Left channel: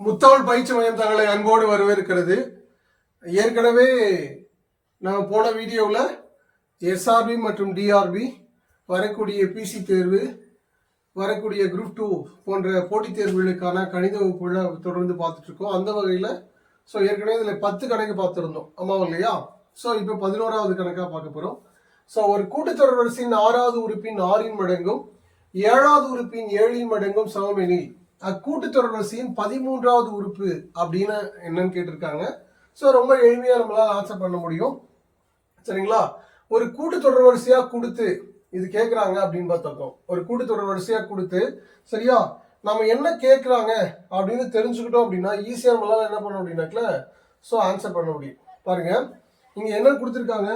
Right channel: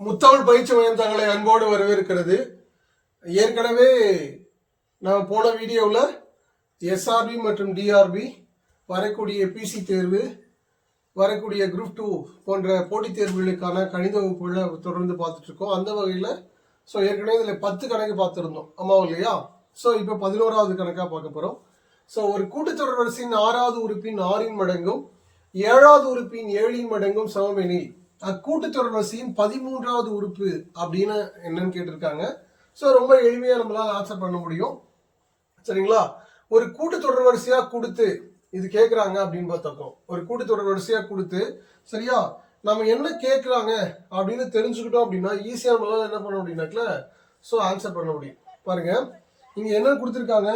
முத்தமிழ் பயிற்சி மையம் தங்களை அன்போடு வரவேற்கிறது. ஏற்கனவே நம்ம போன வீடியோவில் எஸ்ஆர்பி மற்றும் டிஆர்பி வரக்கூடிய பிசி தேர்வு, வரக்கூடிய குரூப் 2 போன்ற போட்டித் தேர்வுகளுக்கான கணித வகுப்புகளை தொடர்ந்து பார்த்துட்டு இருக்கோம். அந்த வகையில் ஏற்கனவே இதில் 10 கணக்கு பார்த்துருந்தோம், ஆமாம் இல்லையா? இப்போ 11வது கணக்காக பார்க்க போகிறோம். ஒரு கூட்டுத்தொடர் வரிசையின் 6வது உறுப்பின் 6 மடங்கும் 7வது உறுப்பின் 7 மடங்கும் சமமெனில் அக்கூட்டுத்தொடர் வரிசையின் 13வது உறுப்பு அப்படின்னு என்னன்னு கேட்டிருக்காங்க. ரொம்ப எளிமையா நம்மளால ஆன்சர் பண்ண முடியும். சரிங்களா? ஒரு கூட்டுத்தொடர் வரிசையா கொடுத்து இது கேட்கறாங்க அப்படின்னு பார்த்திருக்கோம். ஒரு கூட்டுத்தொடர் வரிசையா கொடுத்து சரியா நம்ம என்ன கேட்கறாங்க அப்படின்னு தெரிஞ்சுக்கிட்டோம் அப்படின்னா ஈஸியா நம்மளால என்ன பண்ண முடியும்னாக்கல ஆன்சர் பண்ண முடியும். பாருங்க, இங்க என்ன கொடுத்துருக்காங்க,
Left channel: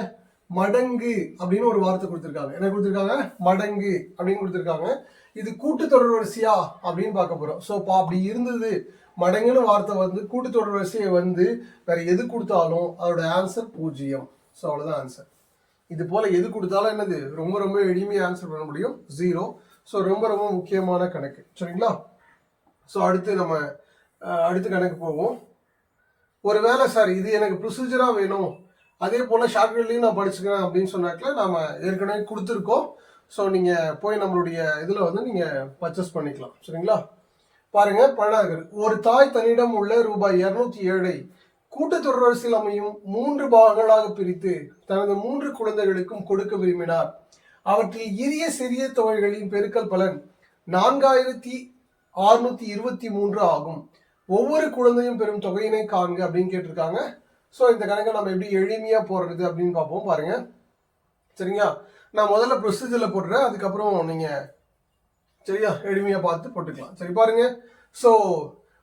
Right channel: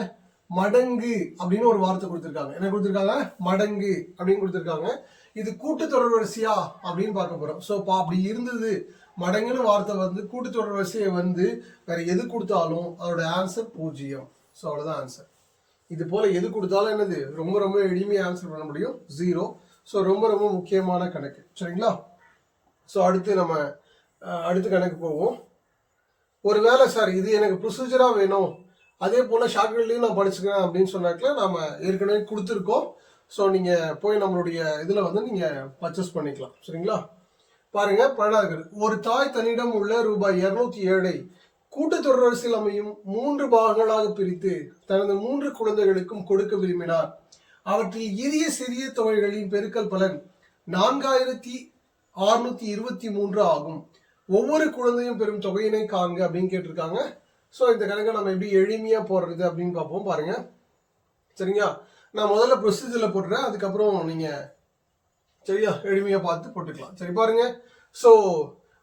மடங்கு அப்படின்னு ஒரு வார்த்தை கொடுத்துருக்காங்க. என்ன கொடுத்துருக்காங்க? மடங்கு அப்படின்னு கொடுத்துருக்காங்க. இது கூட்டுத்தொடர் வரிசையா அப்படின்னு பார்க்க போறோம். அப்படி இருந்தது மடங்குன்னு வார்த்தை கூட்டுத்தொடர் வரிசையை வேற எது கொடுத்தாலும் அதோட ஆன்சர் 0. அவ்வளவுதான் ஆன்சர். இது போல எது கொடுத்தாலும் என்னது ரொம்ப ரொம்ப எளிமையா ஆன்சர் பண்ண முடியும், 0. ரொம்ப ரொம்ப முக்கியமான கணக்கு. சரிங்களா? அடுத்து நம்ம அடுத்த கணக்கு போவோம். ஒருவேளை சார் இது எனக்கு ப்ரொசீஜரா வேணும், அதே போல ஷார்ட்கட்லையும் நான் படிச்சுக்கிறேன் அப்படின்னு சொன்னாக்கல நாம ஏற்கனவே கொடுத்துருக்கோம். நீங்க போய் நம்மளுடைய இதுல நீங்க பர்ச்சேஸ் பண்ணிக்கலாம். சரிங்களா? பாருங்க, 12. ஒரு தாய் தன்னிடம் உள்ள ரூபாய் 207 கூட்டுத்தொடர் வரிசையில் அமையும் 3 பாகங்களாக பிரித்து தனது 3 குழந்தைகளுக்கும் கொடுக்க விரும்பினார். அவற்றில் இரிய சிறிய தொகைகளின் பெருக்கல் பலன் 4623 ஆகும். ஒவ்வொரு குழந்தையும் பெறும் தொகையினை காண்க அப்படின்னு கேட்டிருக்காங்க. இந்த கணக்கை நம்ம எப்படி எளிமையா போடுறது அப்படின்னு பார்ப்போம். பாருங்க, சரிங்களா? நான் முதல்ல ப்ரொசீஜர்ல போடுறேன், அதுக்கப்புறம் நீங்க சரியா எளிமையா பார்த்து போட்டுக்கலாம். சரி, பாருங்க.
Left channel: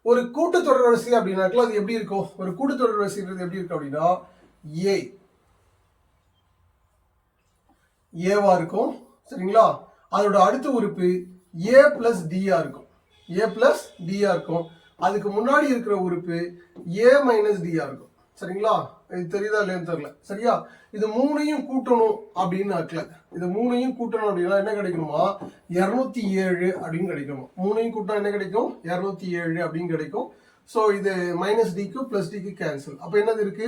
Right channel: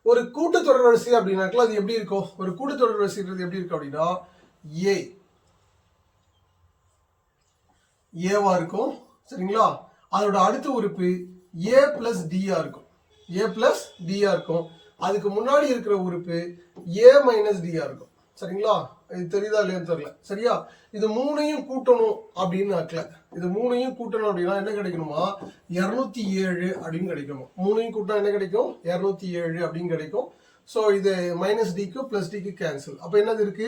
ஒரு கூட்டுத்தொடர் வரிசை அப்படின்னாக்கல அது எப்படி இருக்கும்? ஒரு கூட்டுத்தொடர் வரிசைன்றது எப்படி இருக்கும் அப்படின்னா ஏவா இருக்கும். சரிங்களா? அதோட அடுத்த உறுப்பு ஏ பிளஸ் டியா இருக்கும். ஏ பிளஸ் டியா இருக்கும். அதுக்கு முன்னாடி இருக்கிற உறுப்பு ஏ மைனஸ் டியா இருக்கும். சரிங்களா? இது தெரியுதா இல்லையான்னு தெரியல. சரியா? இது 3ஐயும் கூட்டணும் அப்படின்னு ஆக்கல. இது 3ஐயும் கூட்டணும் அப்படின்னா என்ன கிடைக்கணுமா? 207 அப்படின்னு கிடைக்கணும். 3ஐயும் கூட்டம் என்ன கிடைக்கும்? 207 அப்படின்னு கிடைக்கும். இது மைனஸ் டிக்கு பிளஸ் டிக்கு கேன்சல். அப்ப என்னது இருக்கு?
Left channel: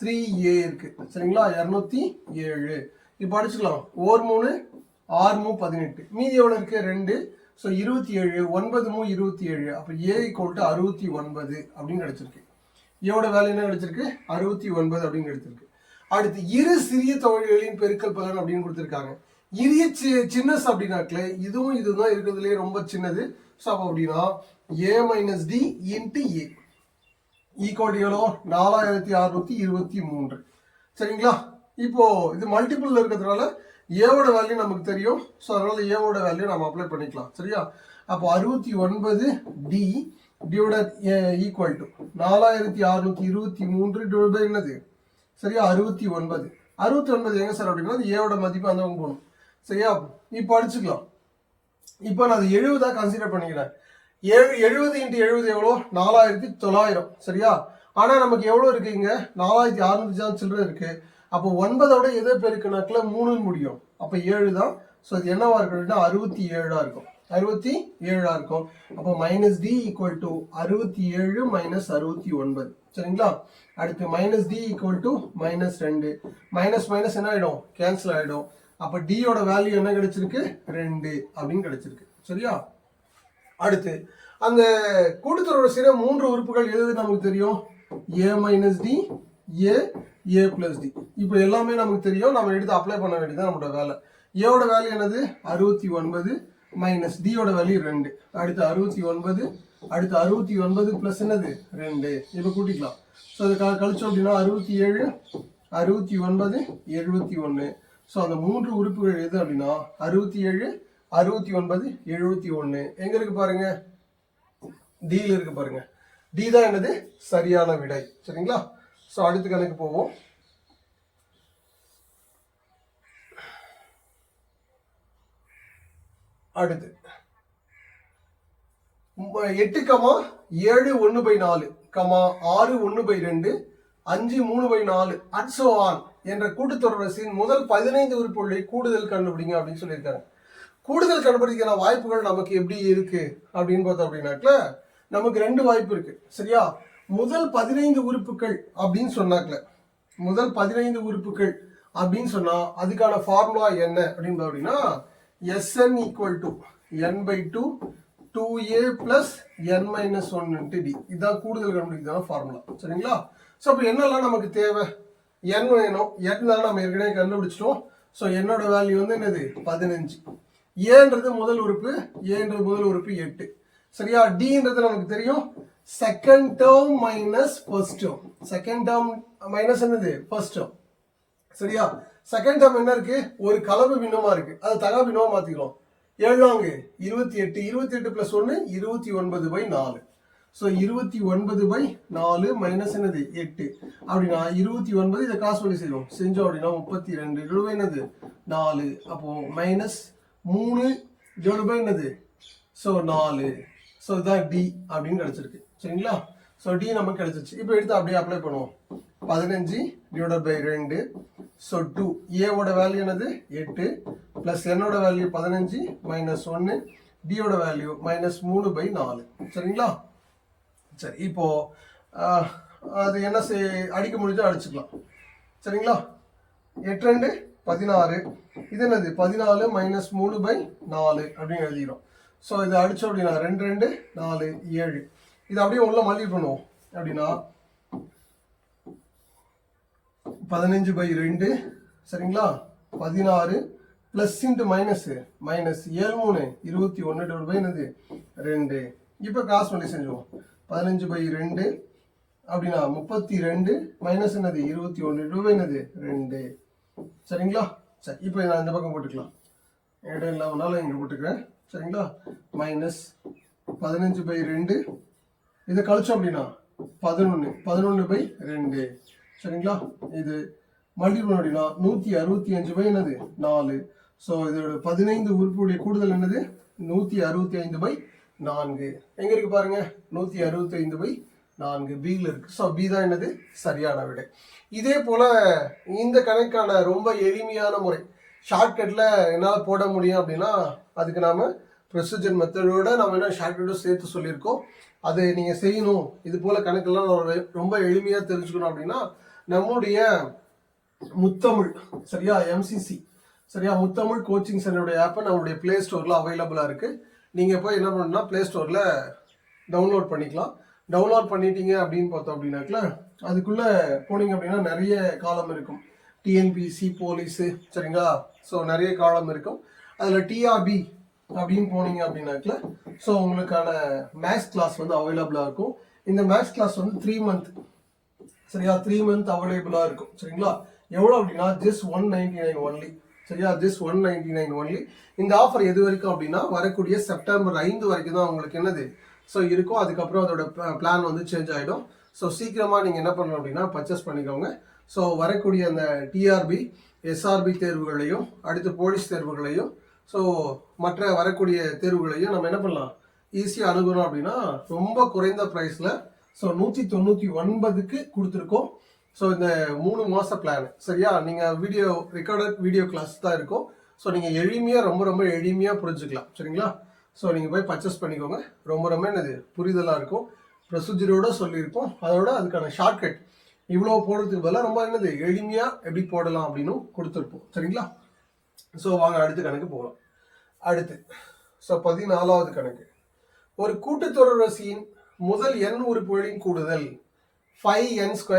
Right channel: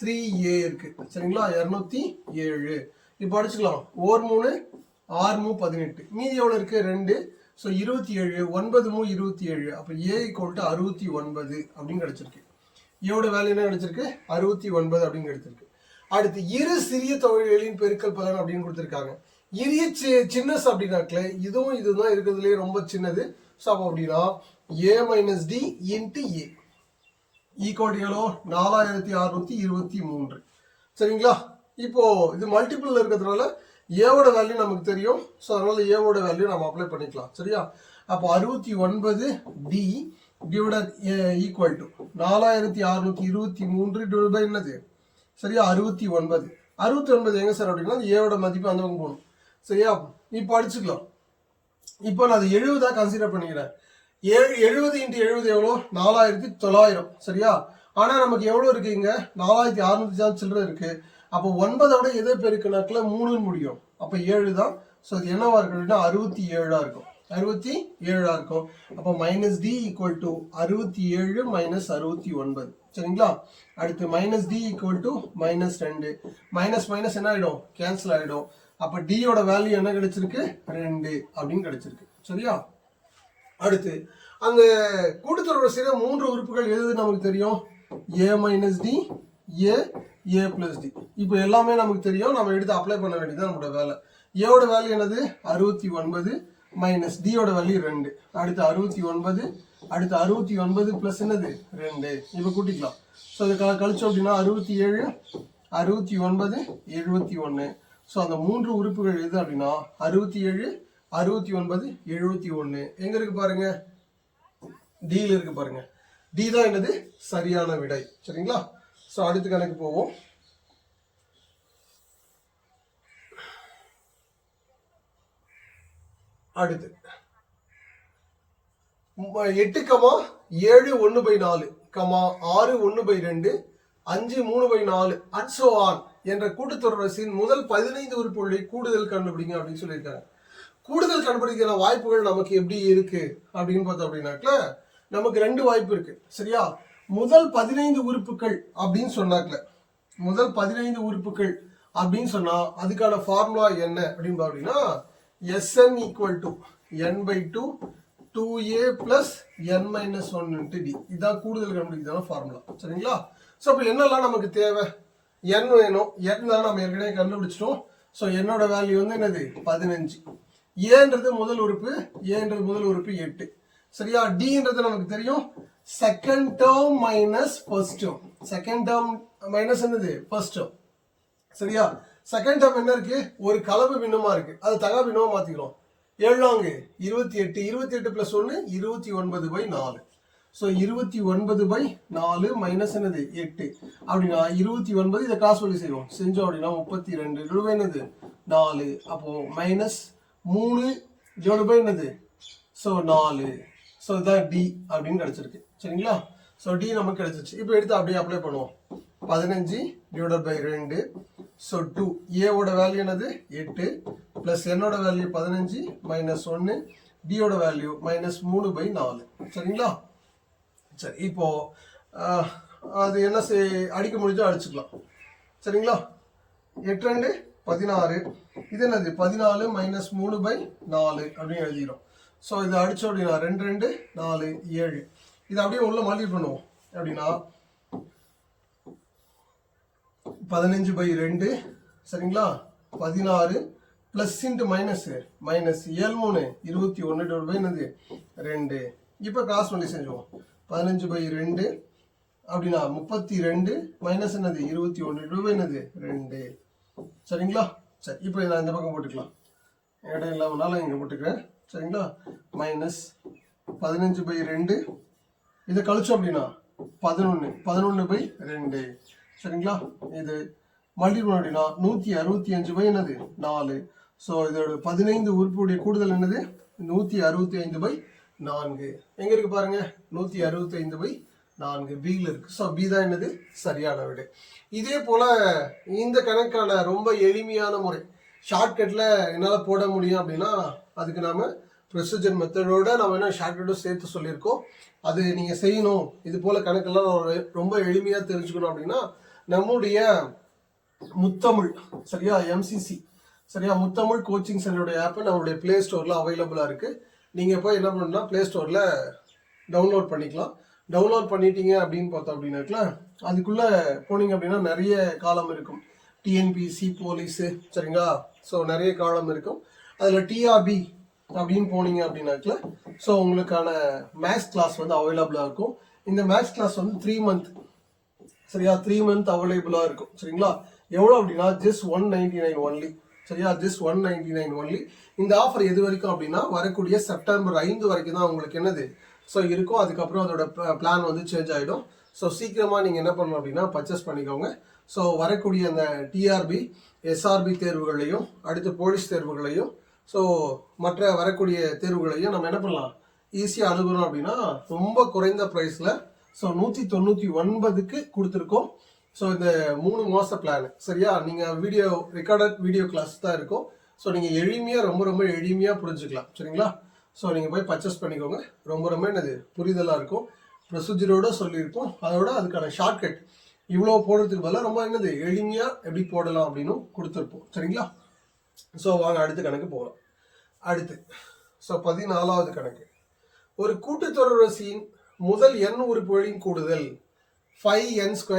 3a இருக்கு. சரிங்களா? 207. இப்ப அடிச்சுக்கலாம். 1 3 6 3 18. மீதி எவ்வளவு இருக்கு? 2. 27. 9 3 27. அப்ப a = 69 அப்படின்னு கிடைச்சிருக்கு. ஏவோட வேல்யூ என்ன கிடைச்சிருக்கு? 69 அப்படின்னு கிடைச்சிருக்கு. அடுத்து இரு சிறிய தொகைகளின் பெருக்கல் பலன் அப்படின்னு கொடுத்துருக்காங்க. இரிய சின்னஸ் அப்படின்னாக்கல இதுவும் இதுதான் இருக்கிறதுலே ரொம்ப சின்னது. அப்படின்னா a minus D into A equal எவ்வளோ? 4623. சரிங்களா? இப்போ இது மல்டிபிள் இருக்கிறதுனால ஏவோட வேல்யூ நமக்கு தெரியும். அதனால ஏவோட வேல்யூ நம்ம அப்ளை பண்ணிக்கலாம். சரியா? அப்போ 69 D divided equal to 4623 divide by என்னது? சரியா? 69. 69 எங்க சார் அப்படின்னா ஏவோட மதிப்பு அந்த போகணும். சரியா? இப்போ அடிச்சுக்கலாம். இப்போ நான் 70 கன்சிடர் பண்ணிக்கிறேன். 70 × 70 எவ்வளோ? 4900. சரியா? ஆனா நமக்கு எவ்வளவு இருக்கு? இங்க 4600 சில்லறை இருக்கு. அப்போ 9ஓட எதை பெருக்குனாக்கல 3 முடியும். அப்ப 7 தான். இது என்னவா இருக்கும் அப்படின்னா 67 இருக்கும். 67 இருக்கும். அப்போ minus D equal to 67 minus 69. சரிங்களா? அடுத்து minus D equal to minus 2. Minus minus என்ன ஆயிடும்? கேன்சல் ஆயிடும். அப்ப டியோட வேல்யூ என்ன கிடைச்சிருக்கு? 2 அப்படின்னு கிடைச்சிருக்கு. சரியா? அடுத்து அந்த கூட்டுத்தொடர் வரிசையில 3 உறுப்புகள் எது நமக்கு தெரியும்? ஏ மைனஸ் டி, ஏ பிளஸ் டி. இப்போ எல்லாமே நமக்கு தெரியும். நம்ம எடுத்து அப்ளை பண்ண வேண்டியதான் நம்மளோட வேலை. ஏவோட வேல்யூ என்னது? 69 மைனஸ் டியோட வேல்யூ 2. அடுத்து 69. அடுத்து 69 பிளஸ் என்னது? 2. இப்போ கூட்டிக்கலாம். அது கழிச்சோம் அப்படின்னா 67 69 71. அந்த 3 உறுப்புகள் எது அப்படின்னா 67 69 71. எங்க இருக்கு பாருங்க? டில இருக்கு பாருங்க. டி தான் என்னது? சரியான விடை. சரிங்களா? அடுத்த கணக்கு போவோம். அடுத்து 8, 7 1/4, 6 1/2, 5 3/4 and so on என்ற கூட்டுத்தொடர் வரிசையின் முதல் 15 உறுப்புகளை கூடுதல் கண்டுபிடிங்க அப்படின்னு சொல்லியிருக்காங்க. கூடுதல் கண்டுபிடிக்கிற வாய்ப்புகள் நமக்கு எப்படி இருக்கு அப்படின்னு பார்த்தோம் அப்படின்னாக்கல நமக்கு ரெண்டு வாய்ப்பு இருக்கு. சரியா, முதல் 15 உறுப்புகள் அப்படின்னு சொன்னாக்கல, முதல் 15 உறுப்புகள் அப்படின்னு சொன்னா அதுக்கான ஃபார்முலா என்ன அப்படின்னு பாத்தீங்கன்னா Sn equal to n/2 2a plus n minus 1 into D. இதுதான் கூடுதல் கண்டுபிடிக்கான ஃபார்முலா. சரிங்களா, ஸோ அப்போ என்னெல்லாம் நமக்கு தேவை? n வேணும். n தான் நம்ம ஏற்கனவே கண்டுபிடிச்சிட்டோம். ஸோ என்னோட வேல்யூ வந்து என்னது 15. ஏன்றது முதல் உறுப்பு, ஏன்றது முதல் உறுப்பு 8. சரியா, டின்றது நமக்கு தெரியும் second term minus first term. Second term minus என்னது ஃபர்ஸ்ட் டேர்ம். சரியா, செகண்ட் டேர்ம் என்ன இருக்கு? ஒரு கலப்பு பின்னமா இருக்கு, அது தகா பின்னமா மாத்திக்கிறோம். 7 28, 28 பிளஸ் 1 29/4. ஸோ 29/4 மைனஸ் என்னது 8 அப்படின்னா 29. இதை கிராஸ் பண்ணி செய்வோம், செஞ்சோம் அப்படின்னா 32 டிவைட் என்னது 4. அப்போ மைனஸ் 3 டிவைட் என்னது ஸோ 4. ஸோ இதுதான் டி அப்படின்னு கிடைச்சிருக்கு. சரிங்களா, ஸோ டி நமக்கு கிடைச்சிருச்சு. இப்போ எடுத்து அப்படியே அப்ளை பண்ணுவோம். 15 டிவைடட் பை 2 ஸோ 2. ஏவோட வேல்யூ என்னது 8 பிளஸ் என்னோட வேல்யூ 15 மைனஸ் 1 டியோட வேல்யூ மைனஸ் 3/4. சரிங்களா, சரி இப்போ அது என்ன அடிக்க முடிஞ்சோ அடிச்சுக்கலாம். சரிங்களா, 8 2 16. இது என்னது 14 மைனஸ் 3/4 அப்படின்னு எழுதிக்கிறோம். ஸோ இதை அடிச்சோம் அப்படின்னா 2 2 4 7. இதை அப்படியே உள்ள மல்டி பண்ணுவோம் அப்படின்னா 15/2. சரிங்களா, 16 plus into minus minus 7 3 21 divide by என்னது 2. இப்போ கிராஸ் பண்ணி செஞ்சுவோம். 15/2 அப்படின்னா 32 மைனஸ் என்னது 21 டிவைட் பை என்னது 2. சரிங்களா, சரி இப்போ நான் இந்த பக்கம் போட்டுக்கலாம், இடம் இல்லாமனால இங்கே போட்டுக்கிறேன். சரிங்களா, மைனஸ் 15/2 இதை கழிச்சோம் அப்படின்னா 11/2. சரிங்களா, இது மல்டிபிள் அப்படின்னா 165 என்னது 4. ஸோ இதோட 15 உறுப்புடைய கூடுதல் என்னது 165/4. எங்க இருக்கு பாருங்க, 165/4 பியில் இருக்கு. ஸோ பி தான் என்னது சரியான விடை. இதே போல இந்த கணக்கான ரொம்ப எளிமையான முறை ஷார்ட்கட்ல என்னால் போட முடியும் அப்படின்னா அதுக்கு நாம ப்ரொசீஜர் மெத்தடோட நம்ம என்ன ஷார்ட்கட்டும் சேர்த்து சொல்லியிருக்கோம். அது நீங்க செய்யணும். இது போல கணக்கெல்லாம் ரொம்ப எளிமையா தெரிஞ்சுக்கணும் அப்படின்னா நம்முடைய முத்தமிழ், சரியா, எம்சிசி, சரியா, முத்தமிழ் கோச்சிங் சென்டருடைய ஆப்பை நம்மளுடைய பிளே ஸ்டோர்ல அவைலபிளா இருக்கு. நீங்க போய் என்ன பண்ணணும்னா பிளே ஸ்டோர்ல டவுன்லோட் பண்ணிக்கலாம். டவுன்லோட் பண்ணிட்டீங்க அப்படின்னு பார்த்தோம் அப்படின்னாக்கல அதுக்குள்ள போனீங்க அப்படின்னா நிறைய காலம் இருக்கும். டிஎன்பிசி, போலீஸு, சரிங்களா, ஸோ நிறைய காலம் இருக்கும். அதில் டிஆர்பி அப்படின்னு போனீங்க அப்படின்னாக்கல ஸோ உங்களுக்கான மேக்ஸ் கிளாஸ் வந்து அவைலபிளாக இருக்கும். இந்த மேக்ஸ் கிளாஸ் வந்து 3 month, சரியா, 3 month அவைலபிளாக இருக்கும். சரிங்களா, எவ்வளோ அப்படின்னா ஜஸ்ட் 199 ஒன்லி. சரியா, ஜஸ்ட் 199 ஒன்லி. இந்த ஆஃபர் எது வரைக்கும் அப்படின்னா வரக்கூடிய செப்டம்பர் 5 வரைக்கும் தான் உங்களுக்கு என்னது ஸோ இருக்கும். அதுக்கப்புறம் அதோட பிளான் வந்து சேஞ்ச் ஆகிடும். ஸோ சீக்கிரமாக நீங்கள் என்ன பண்ணணும் அப்படின்னா பர்ச்சேஸ் பண்ணிக்கோங்க. ஸோ வரக்கூடிய அந்த டிஆர்பி, எஸ்ஆர்பி தேர்வுகளையும் அடுத்து போலீஸ் தேர்வுகளையும் ஸோ மற்ற வரக்கூடிய தேர்வுகளையும் நம்ம என்ன பண்ணலாம் ஈஸியாக அணுகணும் அப்படின்னா ரொம்ப குறைந்த ப்ரைஸில் ஸோ 199க்கு கொடுத்துருக்கோம். ஸோ இந்த 3 மாத பிளான், சரியா, நீங்கள் ரெக்கார்டட் வீடியோ கிளாஸ் தான் இருக்கும். ஸோ நீங்கள் எளிமையாக ரொம்ப எளிமையாக புரிஞ்சுக்கலாம். சரிங்களா, ஸோ நீங்கள் போய் பர்ச்சேஸ் பண்ணிக்கோங்க. ரொம்ப என்னது புரிதலாக இருக்கும். ப்ரொசீஜரோட சொல்லியிருப்போம். அதோட அதுக்கான ஷார்ட்கட் இவ்வளோ போடுறதுக்கு பதிலாக ரொம்ப என்னது எளிமையாக எப்படி போடலாம் அப்படின்னு கொடுத்துருப்போம். சரிங்களா, ஸோ வாங்க அடுத்த கணக்கு போகலாம். அடுத்து ஸோ 14வது கணக்கு. ஒரு கூட்டுத்தொடர்வரிசையின் முதல் n உறுப்புகளின் கூடுதல் 5n² /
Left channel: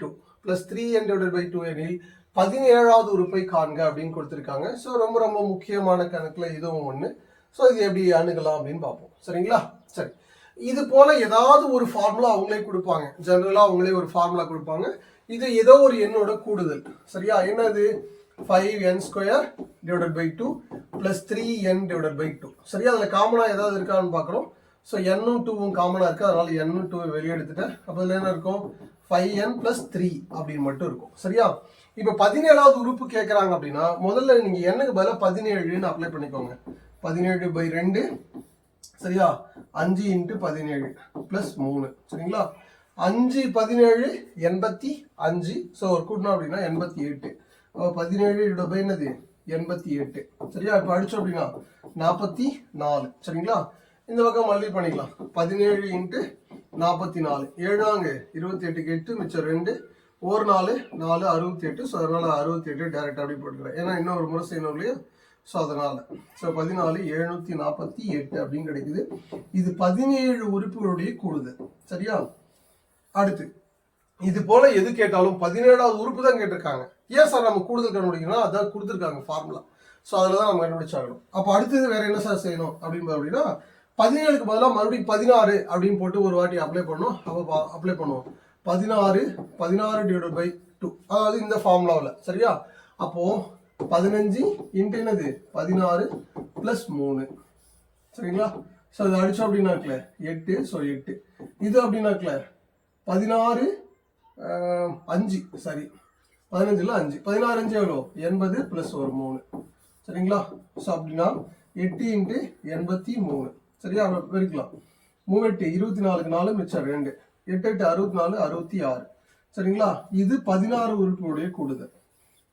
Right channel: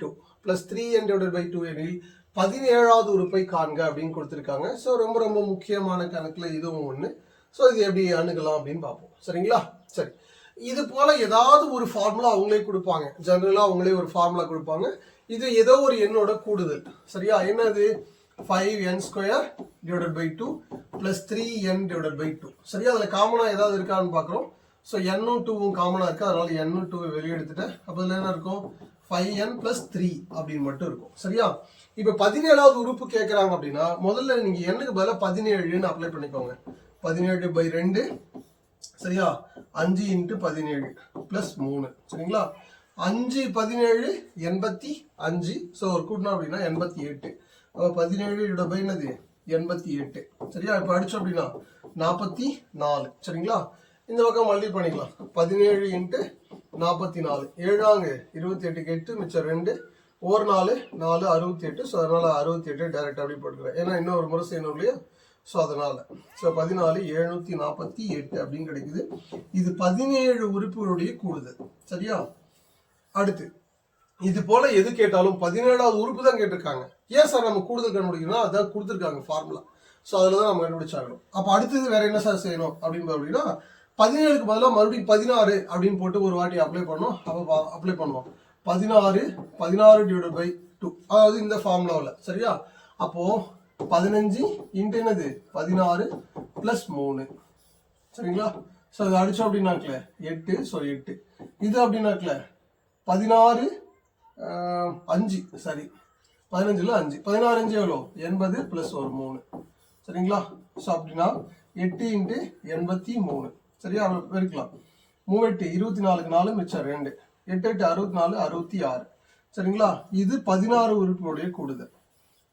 2 + 3n² / 2 எனில் 17வது உறுப்பை காண்க அப்படின்னு கொடுத்துருக்காங்க. ஸோ ரொம்ப முக்கியமான கணக்குல இதுவும் ஒன்று. ஸோ இது எப்படி அணுகலாம் அப்படின்னு பார்ப்போம். சரிங்களா, சரி, இது போல ஏதாவது ஒரு ஃபார்முலா அவங்களே கொடுப்பாங்க. ஜெனரலா அவங்களே ஒரு ஃபார்முலா கொடுப்பாங்க. இது ஏதோ ஒரு எண்ணோட கூடுதல். சரியா, என்னது 5n² / 2 + 3n² / 2. சரியா, அதுல காமனா ஏதாவது இருக்கான்னு பாக்குறோம். ஸோ n-ம் 2-ம் காமனா இருக்கு, அதனால n-ம் 2 வெளியே எடுத்துட்டேன். அப்போ இதுல என்ன இருக்கும் 5n + 3 அப்படின்னு மட்டும் இருக்கும். சரியா, இப்போ 17வது உறுப்பு கேட்கறாங்க அப்படின்னா முதல்ல நீங்க n-க்கு பதிலா 17ன்னு அப்ளை பண்ணிக்கோங்க. 17/2, சரியா, 5 × 17 + 3. சரிங்களா, 5 17 85. ஸோ கூட்டினோம் அப்படின்னா 88. 17 என்னது 88. சரியா, இப்போ அடிச்சோம் அப்படின்னா 44. சரிங்களா, இந்த பக்கம் மல்டிபிள் பண்ணிக்கலாம். 17 இன்ட்டு 44, 7 28க்கு 8 மிச்சம் 2, ஒரு 4 4 68. ஸோ அதனால் 68 டைரெக்ட் அப்படி போட்டுக்கிறேன், ஏன்னா இன்னொரு முறை செய்யணும் இல்லையா. ஸோ அதனால் 14 748 அப்படின்னு கிடைக்குது. இது 17 உறுப்புகளுடைய கூடுதல். சரியா? அடுத்து இது போல எது கேட்டாலும் 17வது உறுப்பு தான் கேட்டிருக்காங்க. ஏன் சார் நம்ம கூடுதல் கண்டுபிடிக்கணும்? அதான் கொடுத்துருக்காங்க ஃபார்முலா. ஸோ அதில் தான் நம்ம கண்டுபிடிச்சாகணும். அப்போ அடுத்தது வேற என்ன சார் செய்யணும் அப்படின்னா 17க்கு பதிலாக மறுபடியும் 16 அப்படின்னு போட்டு ஒரு வாட்டி அப்ளை பண்ணோம். அப்போ அப்ளை பண்ணுவோம் 16 டிவைட் பை 2, அதாவது இந்த ஃபார்முலாவில். சரியா? அப்போ 15 இன்ட்டு என்னது 16 + 3. சரிங்களா? ஸோ இது அடிச்சோம் அப்படின்னாக்கல 8. ஸோ 8 இது அப்படின்னாக்கல 16 5 சரி 15ல் 5 16 5 எவ்வளோ 80 + ஒரு 3. சரிங்களா? ஸோ அப்படின்னா 8 இன்ட்டு 83. சரியா? இருக்கலாம் 3 8 24க்கு 4 மிச்சம் 2, 8 8 64 66. சரிங்களா? இது 16 உறுப்புடைய கூடுதல்.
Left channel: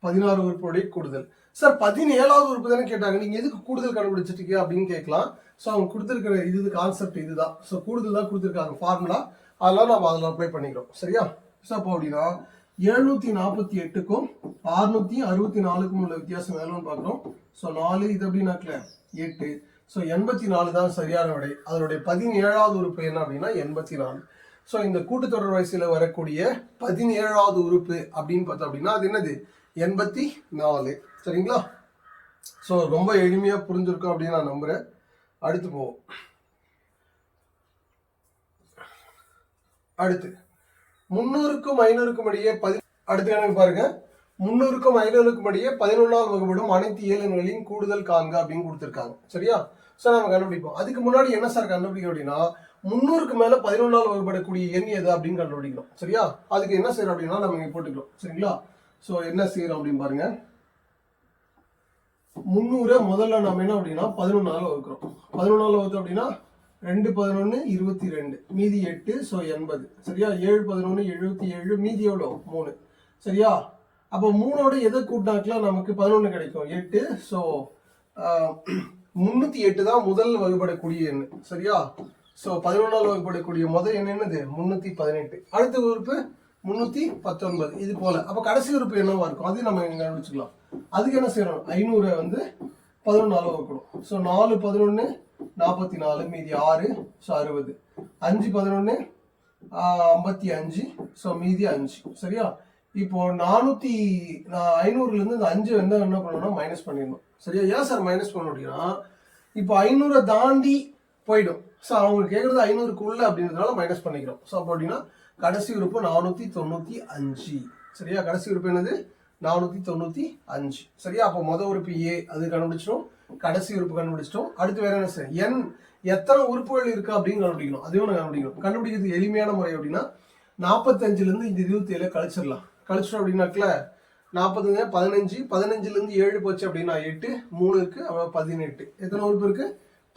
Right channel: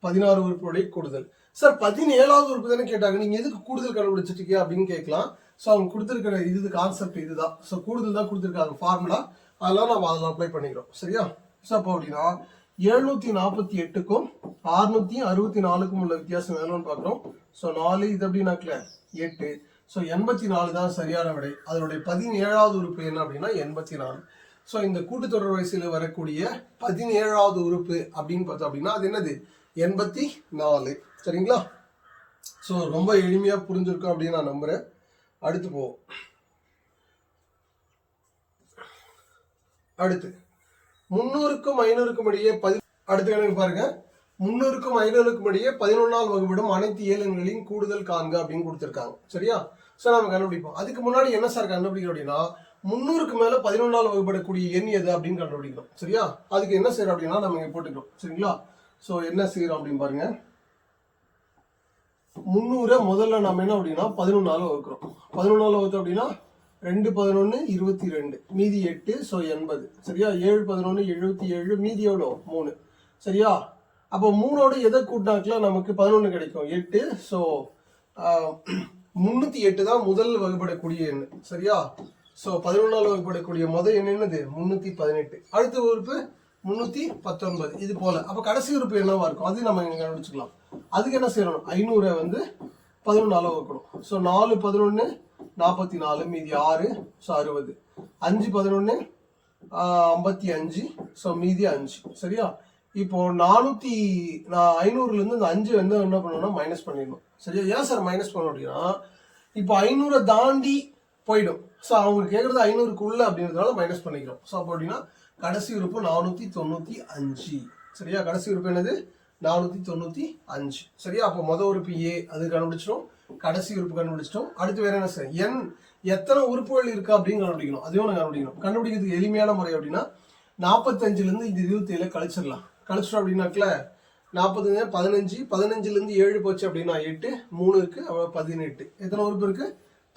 16 உறுப்புடைய கூடுதல். சார் 17வது உறுப்பு தானே கேட்டாங்க, நீங்க எதுக்கு கூடுதல் கண்டுபிடிச்சிட்டீங்க அப்படின்னு கேட்கலாம். ஸோ அவங்க கொடுத்துருக்கிற இது கான்செப்ட் இதுதான். ஸோ கூடுதல் தான் கொடுத்துருக்காங்க ஃபார்முலா, அதெல்லாம் நம்ம அதில் அப்ளை பண்ணிக்கிறோம். சரியா? ஸோ அப்போ அப்படின்னா 748க்கும் 664க்கும் உள்ள வித்தியாசம் எவ்வளோன்னு பார்க்குறோம். ஸோ 4 இது அப்படின்னாக்கல 8. ஸோ 84 தான் சரியான விடை. அதனுடைய 17வது உறுப்பு என்ன அப்படின்னா 84. ஸோ இந்த கூட்டுத்தொடர் வரிசையில் வரக்கூடிய 17வது உறுப்பு அப்படின்னு பார்த்தோம் அப்படின்னா அது என்னது 84. சரிங்களா? ஸோ ரொம்ப எளிமையாக புரிஞ்சிருக்கும் அப்படின்னு நான் நம்புகிறேன். அடுத்து போவோம். அடுத்து 300க்கும் 500க்கும் இடையே அடுத்து எனக்கு பாருங்க 300க்கும் 500க்கும் இடையே 11ஆல் வகுப்படும் அனைத்து இயலெண்களின் கூடுதல் காண்க அப்படின்னு கொடுத்துருக்காங்க. சரியா? ஸோ நம்ம கண்டுபிடிப்போம். அதுக்கு முன்னாடி என்ன சார் கண்டுபிடிக்கணும் அப்படின்னா 300க்கு மேல 11ஆல் வகுப்படக்கூடிய எண் எது அப்படின்னு கண்டுபிடிக்கணும். சரியா? அதுக்கு என்ன செய்யறோம் அப்படின்னா நம்ம இங்க போட்டுக்கிறோம். சரிங்களா? ஸோ என்ன செய்யறோம் அப்படின்னு பாருங்க. 300 முதல்ல நம்ம என்ன அப்படின்னா 11ஆல் வகுக்கிறோம். 11ஆல் வகுத்தோம் அப்படின்னா 2 11 22 மீதி 8. ஸோ 80. சரியா? 7 11 77 மீதி எவ்வளோ 3. சரியா? அப்போ 3ஓட எதை கூட்டாக்கலாம் நமக்கு 11 கிடைக்கும் 8. ஸோ 308 தான் முதல் வகுப்படக்கூடிய எண். சரியா? ஸோ 11ஆல் வகுப்படக்கூடிய முதல் எண் என்னது 318. அடுத்த உறுப்பு 319. இது போல. அப்போ கடைசி உறுப்பு என்னவா இருக்கும் அது நம்ம இங்க கண்டுபிடிச்சிக்கலாம். அதுக்கு என்ன செய்யணும் 500 வந்து 11ஆல் வகுக்கணும். ஸோ 4 11 44 மீதி 6. ஸோ 60. 5 11 55. ஸோ மீதி 5. சரியா? இப்போ 500லேருந்து இந்த 5 வந்து என்ன பண்ணணும்னா மைனஸ் பண்ணிடணும். சரியா? ஏன் சார் மைனஸ் பண்ண முடியும்னா இப்போ 500 தாண்டி போயிடும். ஸோ அவங்க கேட்குறது 500க்குள்ள அப்படின்றதுனால மைனஸ் பண்ணிக்கிறோம். ஸோ அப்போ அப்படின்னா கடைசி உறுப்பு 495. சரியா? கடைசி உறுப்பு என்னது 495. சரியா? அப்போ முதல் உறுப்பு ஏ அது கண்டுபிடிச்சிட்டோம், கடைசி உறுப்பு கண்டுபிடிச்சிட்டோம். அடுத்து வேற என்ன சார் என் எத்தனை உறுப்புகள் இருக்கு அப்படின்னு கண்டுபிடிக்கணும். அதையும் நான் கண்டுபிடிக்கணும். கண்டுபிடிக்கிறதுக்கு எளிமையான முறை அப்படின்னா 45லேருந்து இந்த 27 கழிச்சிடலாம். கழிச்சிட்டோம் அப்படின்னாக்கல 45 15லேருந்து 7 போச்சு அப்படின்னா 8 3 இருக்கு 18. எத்தனை உறுப்பு இருக்கு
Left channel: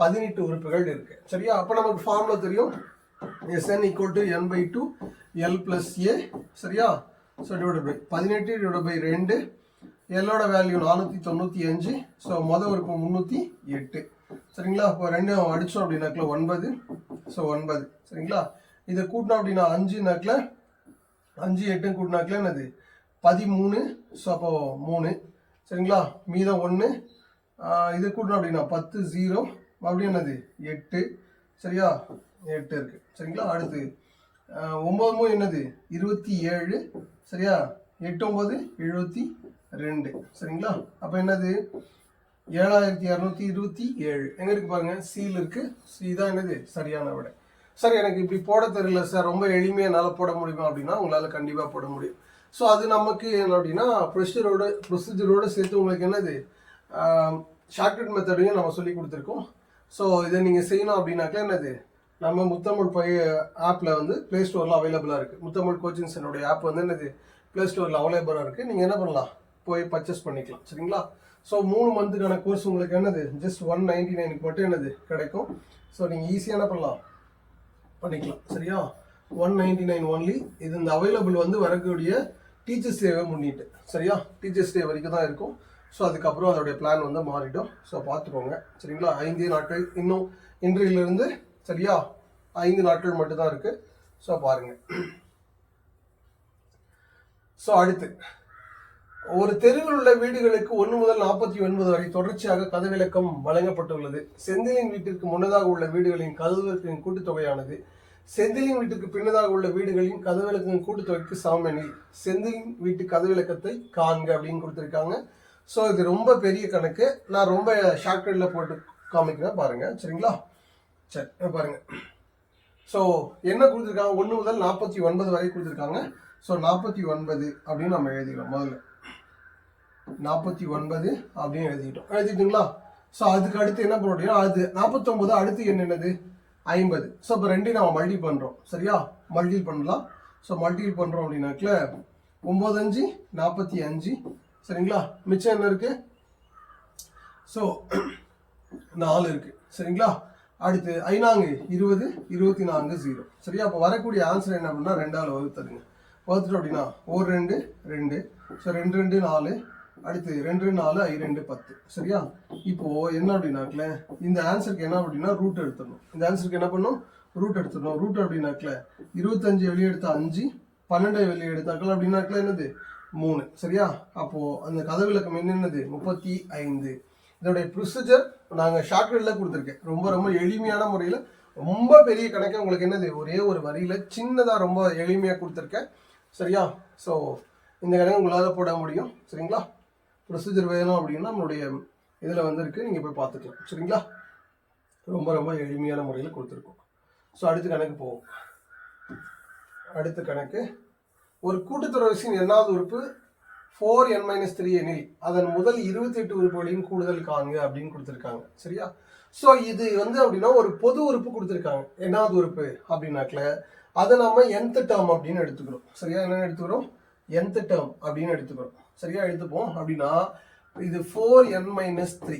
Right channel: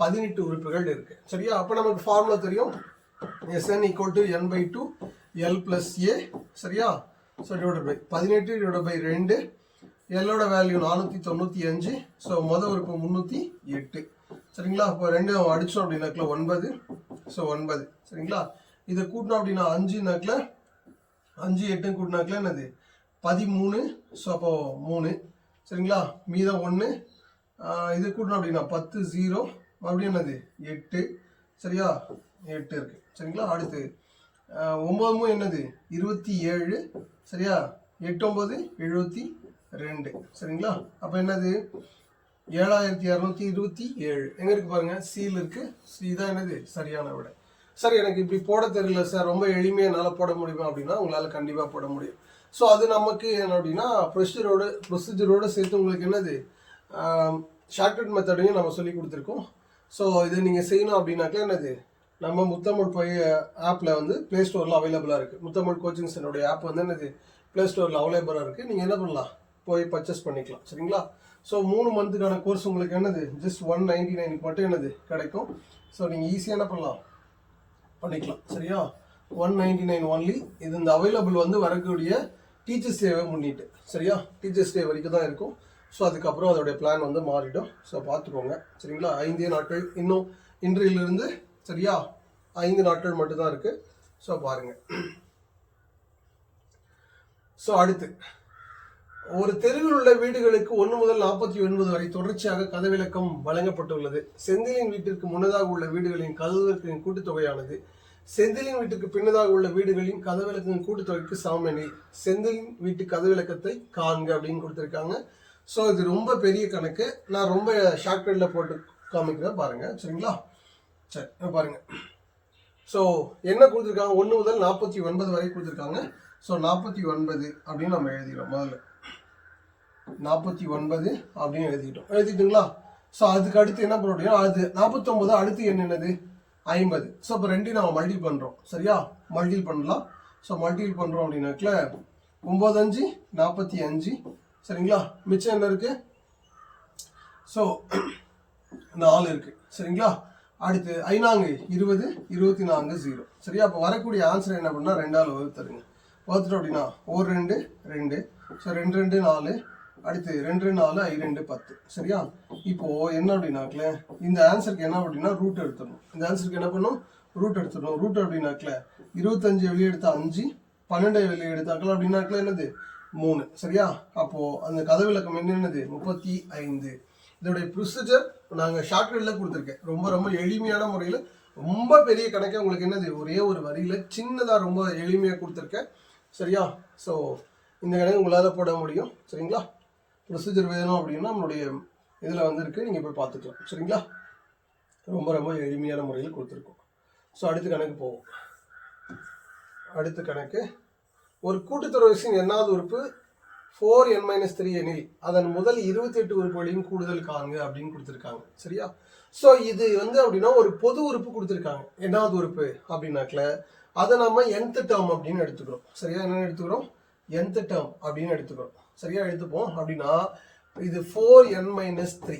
18 உறுப்புகள் இருக்கு. சரியா? அப்போ நமக்கு ஃபார்முலா தெரியும் Sn = n/2 L + A. சரியா? So divided by 18 divided by 2. எல்லோட வேல்யூ 495. ஸோ முதல் உறுப்பு 308. சரிங்களா? அப்போ 2 அடிச்சோம் அப்படின்னாக்கல 9. ஸோ 9. சரிங்களா? இதை கூட்டினோம் அப்படின்னா 5னாக்கல 5 8 கூட்டினாக்கல என்னது 13. ஸோ அப்போ 3. சரிங்களா? மீதம் 1. இது கூட்டினோம் அப்படின்னா 10 0 மறுபடியும் என்னது 8. சரியா? 8 இருக்கு. சரிங்களா? அடுத்து 9 என்னது 27. சரியா? 8 9 72. சரிங்களா? அப்போ என்னது 7227 எங்க இருக்கு பாருங்க, சீல் இருக்கு. சி தான் என்னது சரியான விடை. சார் எனக்கு இப்படி போட தெரியல சார், ரொம்ப எளிமையாக என்னால் போட முடியுமா அப்படின்னா உங்களால் கண்டிப்பாக போட முடியும். ஸோ அது நமக்கு என்ன அப்படின்னா ப்ரொசீஜரோடு சேர்த்து உங்களுக்கு என்னது ஷார்ட்கட் மெத்தடையும் நம்ம சொல்லி கொடுத்துருக்கோம். ஸோ இதை நீங்கள் செய்யணும் அப்படின்னாக்கா என்னது நம்ம முத்தமிழ் ஆப்பில் வந்து ப்ளே ஸ்டோரில் அவைலபிளாக இருக்குது. முத்தமிழ் கோச்சிங் சென்டருடைய ஆப் வந்து என்னது ப்ளே ஸ்டோரில் அவைலபிளாக இருக்குது. நீங்கள் என்ன பண்ணலாம் போய் பர்ச்சேஸ் பண்ணிக்கலாம். சரிங்களா? ஸோ 3 மந்த்துக்கான கோர்ஸ் உங்களுக்கு என்னது ஜஸ்ட் 199க்கு மட்டும் என்னது கிடைக்கும். ஸோ நீங்கள் ஈஸியாக என்ன பண்ணலாம் பண்ணிக்கலாம். சரியா? 199 ஒன்லி. இது இந்த அவைலபிள் வந்து வரக்கூடிய டீச்சர்ஸ் டேவை முன்னிட்டு. சரியா? டீச்சர்ஸ் டே வரைக்கும் தான் இருக்கும். ஸோ அதுக்கப்புறம் அதோடைய பிளான் வந்து மாறிடும். ஸோ பார்த்துக்கோங்க. சரிங்களா? 5 நாட்கள் இன்னும் இன்றையிலிருந்து சரியா 5 நாட்கள் மட்டும்தான் இருக்கு. ஸோ பாருங்க. ஸோ அடுத்து ஒரு தெருவில் உள்ள வீடுகளுக்கு 1 முதல் 49 வரை தொடர்ச்சியாக கதவிலக்கம் வழங்கப்பட்டுள்ளது. செந்திலின் வீட்டிற்கு முன்னதாக உள்ள வீடுகளின் கதவிலக்கின் கூட்டுத்தொகையானது செந்திலின் வீட்டுக்கு பின்னதாக உள்ள வீடுகளின் கதவிலக்கின் கூட்டுத்தொகைக்கு சமம் எனில் செந்திலின் வீட்டு கதவிலக்கத்தை காண்க அப்படின்னு கொடுத்துருக்காங்க. ஸோ இது ரொம்ப பெரிய கணக்கு. நான் ரொம்ப ஷார்ட்கட்டில் போட்டு காமிக்கிறேன் பாருங்க. சரிங்களா? சரி பாருங்க. ஸோ என்ன கொடுத்துருக்காங்க? 1 முதல் 49 வரை கொடுத்துருக்காங்க. ஸோ 49 அப்படின்னு நம்ம எழுதிக்கலாம். முதல்ல 49 அப்படின்னு எழுதிக்கிட்டீங்களா? ஸோ அதுக்கு அடுத்து என்ன பண்ண முடியும்? அது 49 அடுத்து என்னது? 50. ஸோ இப்போ ரெண்டையும் நம்ம மல்டி பண்ணுறோம். சரியா? மல்டி பண்ணலாம். ஸோ மல்டி பண்ணுறோம் அப்படின்னாக்கல 9 5 45. சரிங்களா? மிச்சம் என்ன இருக்கு? ஸோ 4 இருக்கு. சரிங்களா? அடுத்து 5 20 24 0. சரியா? அப்போ வரக்கூடிய ஆன்சர் என்ன பண்ணால் 2ஆல் வகுத்துருங்க. வகுத்துட்டோம் அப்படின்னா 1 2 2. ஸோ 2 2 4. அடுத்து 2 4 2 10. சரியா? இப்போ என்ன அப்படின்னாக்கல இந்த ஆன்சருக்கு என்ன அப்படின்னா ரூட் எடுத்துடணும். இந்த ஆன்சருக்கு என்ன பண்ணும்? ரூட் எடுத்துடணும். ரூட் அப்படின்னாக்கல 25 வெளியே எடுத்தா 5, 12 வெளியே எடுத்தாக்கல அப்படின்னாக்கல என்னது? 3. சரியா? அப்போ அந்த கதவிலக்கம் என்னது? 35. இதோடைய ப்ரொசீஜர் நாங்கள் ஷார்ட்கட்டில் கொடுத்துருக்கேன். ரொம்ப ரொம்ப எளிமையான முறையில், ரொம்ப பெரிய கணக்கே உங்களுக்கு என்னது ஒரே ஒரு வரியில் சின்னதாக ரொம்ப எளிமையாக கொடுத்துருக்கேன். சரியா? ஸோ இந்த கணக்கு உங்களால் போட முடியும். சரிங்களா? ப்ரொசீஜர் வேணும் அப்படின்னா நம்மளுடைய இதில் வந்துருக்கு, நீங்கள் போய் பார்த்துக்கலாம். சரிங்களா? ரொம்ப ரொம்ப எளிமையான முறையில் கொடுத்துருக்கோம். ஸோ அடுத்த கணக்கு போவோம். அடுத்த கணக்கு, ஒரு கூட்டுத்தொடர்ச்சியின் எண்ணாவது உறுப்பு 4n-3 எனில் அதன் முதல் 28 உறுப்புகளையும் கூடுதல் காண்க அப்படின்னு கொடுத்துருக்காங்க. சரியா? ஸோ இது அப்படின்னா ஒரு பொது உறுப்பு கொடுத்துருக்காங்க. எண்ணாவது உறுப்பு அப்படின்னாக்கல அதை நம்ம nth டேர்ம் அப்படின்னு எடுத்துக்கிறோம். சரியா? என்ன எடுத்துக்கிறோம்? nth டேர்ம் அப்படின்னு எடுத்துக்கிறோம். சரியா? எடுத்துப்போம். அப்படின்னா இது 4n-3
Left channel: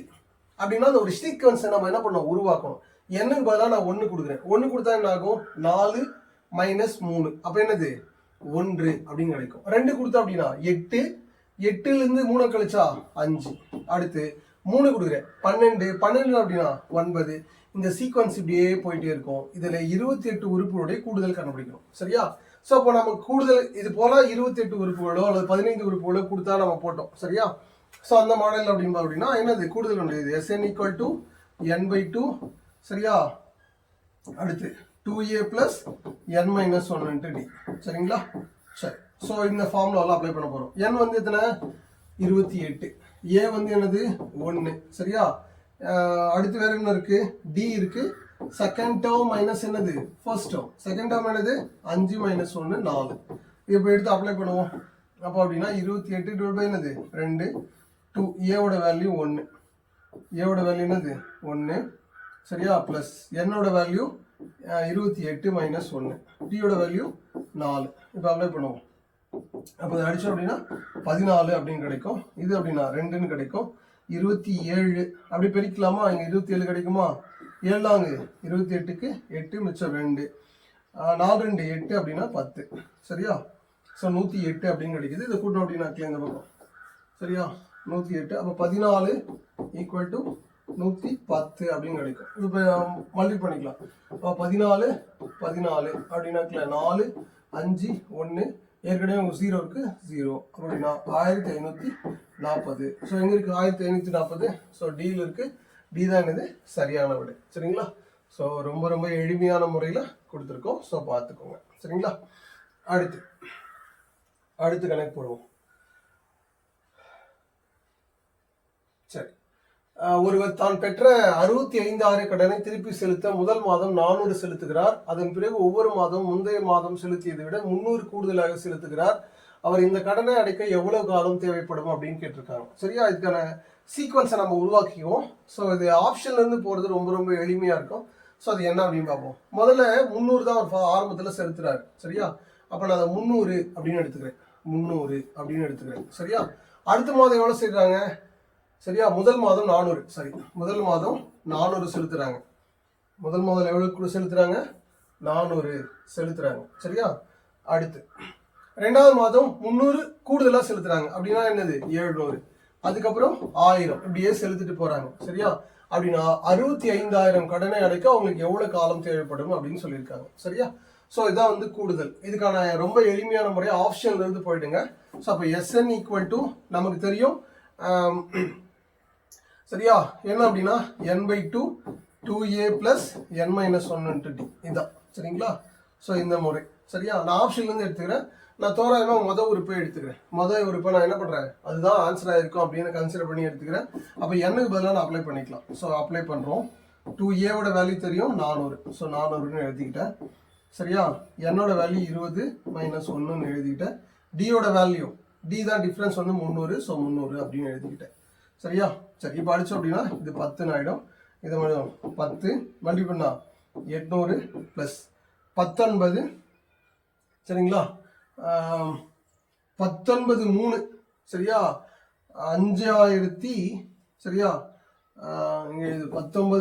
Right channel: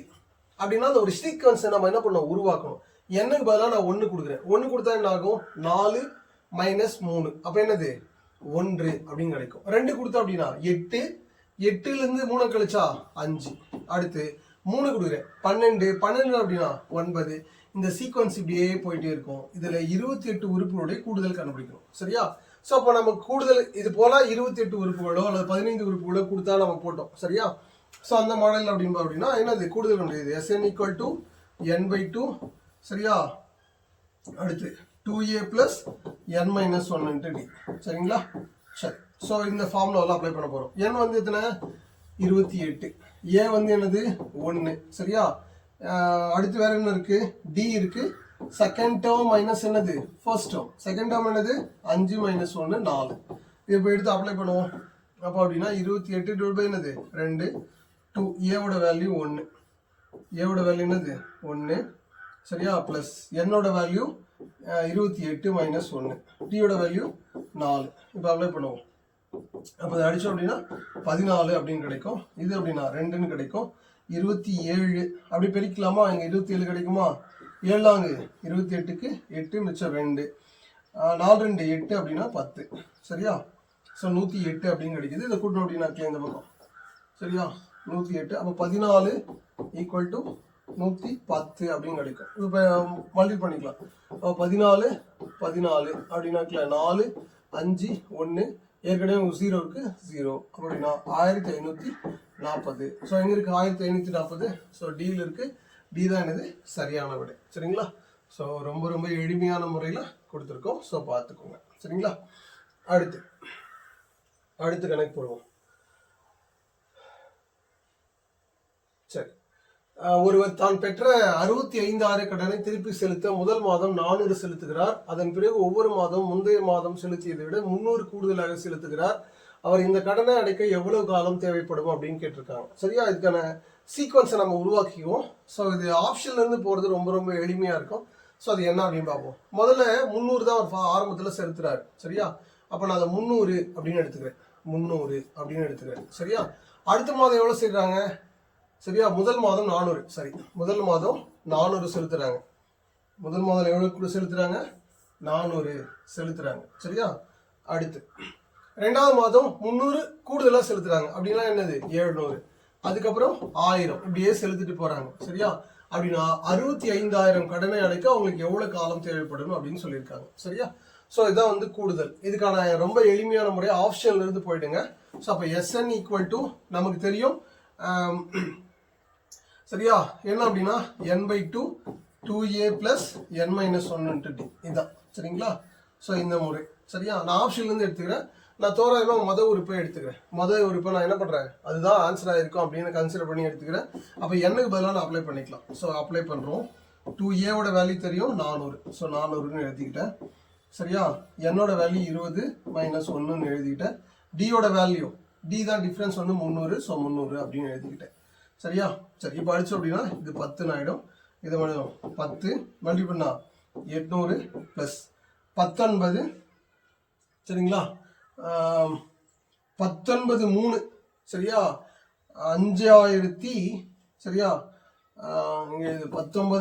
அப்படின்னா அந்த ஒரு சீக்வன்ஸை நம்ம என்ன பண்ணோம்? உருவாக்கணும். என்னக்கு பதிலாக நான் 1 கொடுக்குறேன். 1 கொடுத்தா என்ன ஆகும்? 4 - 3. அப்போ என்னது? 1 அப்படின்னு கிடைக்கும். 2 கொடுத்தா அப்படின்னா 8. 8லேருந்து 3 கழிச்சா 5. அடுத்து 3 கொடுக்குறேன். 12. 12 அப்படின்னா 9. இந்த சீக்வன்ஸ் இப்படியே போயிட்டே இருக்கும். இதில் 28 உறுப்புகளுடைய கூடுதல் கண்டுபிடிக்கணும். சரியா? ஸோ அப்போ நம்ம கூடுதல் இது போல 28 உறுப்புகளோ அல்லது 15 உறுப்புகளோ கொடுத்தா நம்ம போட்டோம். சரியா? ஸோ அந்த மாடல் அப்படின்னா என்னது? கூடுதல் உண்டு. Sn = n/2. சரியா? அடுத்து 2a + n-1 × d. சரிங்களா? சரி. ஸோ இந்த ஃபார்முலாவில் அப்ளை பண்ண போகிறோம். n எத்தனை? 28. a என்னது? 1. சரியா? அடுத்து வேற என்ன இருக்கு? d இருக்கு. செகண்ட் டேர்ம் மைனஸ் என்னது? First term. செகண்ட் டேர்ம் என்னது? 5 - 1 4. இப்போ எடுத்து அப்ளை பண்ணுவோம். அப்போ அப்படின்னா 28 / என்னது? 2. 2. ஏவோட வேல்யூ 1. ஏவோட வேல்யூ என்னது? 1. சரியா? ப்ளஸ் என்னோட வேல்யூ 28 - 1. டியோட வேல்யூ 4. இப்போ அப்ளை பண்ணுவோம். அப்போ அதை அடித்தோம் அப்படின்னா 14 அப்படின்னு கிடைக்கும். இது அப்படின்னா 2ன்னு கிடைக்கும். 27 அப்படி பெருக்கலாமா? இங்கே 27 கிடைக்குமா? 7 28க்கு 8 மிச்சம் 2. 4 2 8 அப்படின்னா 10. சரியா? ஸோ 108 அப்படின்னு கிடைக்குது. இதை கூட்டணும் அப்படின்னா இந்த பக்கம். சரியா? 108. அப்போ 14 = 110 அப்படின்னு கிடைக்கும். இப்போ மல்டி பண்ணிக்கலாம். அப்போ 14 அப்படின்னாக்கல 4 5 1. ஏற்கனவே உங்களுக்கு 0 இருக்கு. 0 அப்படின்னா 1540. ஸோ எங்கே இருக்குது? 1540. ஸோ டியில் இருக்குது. டி தான் என்னது? சரியான விடை. சரிங்களா? ஸோ ரொம்ப ரொம்ப எளிமையான முறையில் கொடுத்துருக்கோம். ஸோ பார்த்துக்கோங்க. சரிங்களா? அடுத்து கணக்கு போடுவோம். சரி. ஒருவர் தான் பெற்ற 65,000 கடனை திருப்பி செலுத்த முதல் மாதம் 400 செலுத்துகிறார். அதன் பிறகு ஒவ்வொரு மாதம் முந்தைய மாதம் செலுத்தியதை விட 300 கூடுதலாக செலுத்துகிறார். அவர் இந்த கடனை அடைக்க எவ்வளவு காலம் தேவைப்படும் அப்படின்னு கேட்டிருக்காங்க. சரியா? இதுக்கான சீக்வன்ஸை நம்ம உருவாக்கிக்குவோம். ஸோ இது ஆப்ஷன்லேருந்து போகிறது ரொம்ப ரொம்ப எளிமையாக இருக்கும். ஸோ அது என்ன அப்படின்னு பார்ப்போம். முதல்ல 300 தான் அவர் ஆரம்பத்தில் செலுத்துறாரு. சரியா? அப்போ நான் அதை 300 அப்படின்னு எடுத்துக்கிறேன். 300 அப்படின்னு எடுத்துக்கிறேன். சரியா? அடுத்த மாதம் எவ்வளோ செய்கிறாங்க? சரியா? முதல் மாதம் 400. சரி, முதல் மாதம் 400 செலுத்துறாங்க. முதல் மாதம் எவ்வளவு செலுத்துறாங்க? 400 செலுத்துறாங்க. சரியா? அடுத்து 2வது மாதம் 300 கூடுதலாக செலுத்துறாங்க. அப்படின்னா என்னது? 700. அதுக்கப்புறம் 1000 இப்படியே செலுத்திட்டு போறாங்க. சரியா? அப்படின்னா 65,000 கடனை அடைக்க அவங்களுக்கு எவ்வளவு காலம் தேவைப்படும் அப்படின்னு சொல்லியிருக்காங்க. சரியா? ஸோ இதான் வந்து கூடுதல். இதுக்கான ரொம்ப எளிமையான முறை ஆப்ஷன்ல இருந்து போயிடுங்க. ஸோ அப்போ SN ஈக்குவல் டு நமக்கு தெரியும் சரியா, என்ன அப்படின்னா n/2 2a plus n-1 into d. இதான் சரிங்களா? ஸோ இந்த முறை சரியா. நான் ஆப்ஷன்லேருந்து எடுத்துக்கிறேன். நான் தோராயமாக மொதல் உறுப்பை எடுத்துக்கிறேன். மொதல் உறுப்பை நான் என்ன பண்ணுறேன், அதுதான் ஆன்சராக இருக்கும் அப்படின்னு கன்சிடர் பண்ணி எடுத்துக்கிறேன். அப்போ என்னுக்கு பதிலாக நான் அப்ளை பண்ணிக்கலாம். ஸோ அப்ளை பண்ணுறோம். 2a வேல்யூ தெரியும் 400. ஸோ 400ன்னு எழுதிக்கிட்டேன். சரியா? என்னோட வேல்யூ 20 - 1ன்னு எழுதிக்கிட்டேன். டியோட வேல்யூ டி தான் டிஃப்ரென்ஸ் வந்து 300. ஸோ 300 அப்படின்னு எழுதிக்கிட்டேன். சரியா? சரி, இப்போ அடிச்சோம் அப்படின்னா இது 10 ஆகிடும். இது 10 மல்டி பண்ணா 800 ப்ளஸ் 19 சரிங்களா, 19 3 சரியா, 5000 சரியா, இங்கே இது 19 ×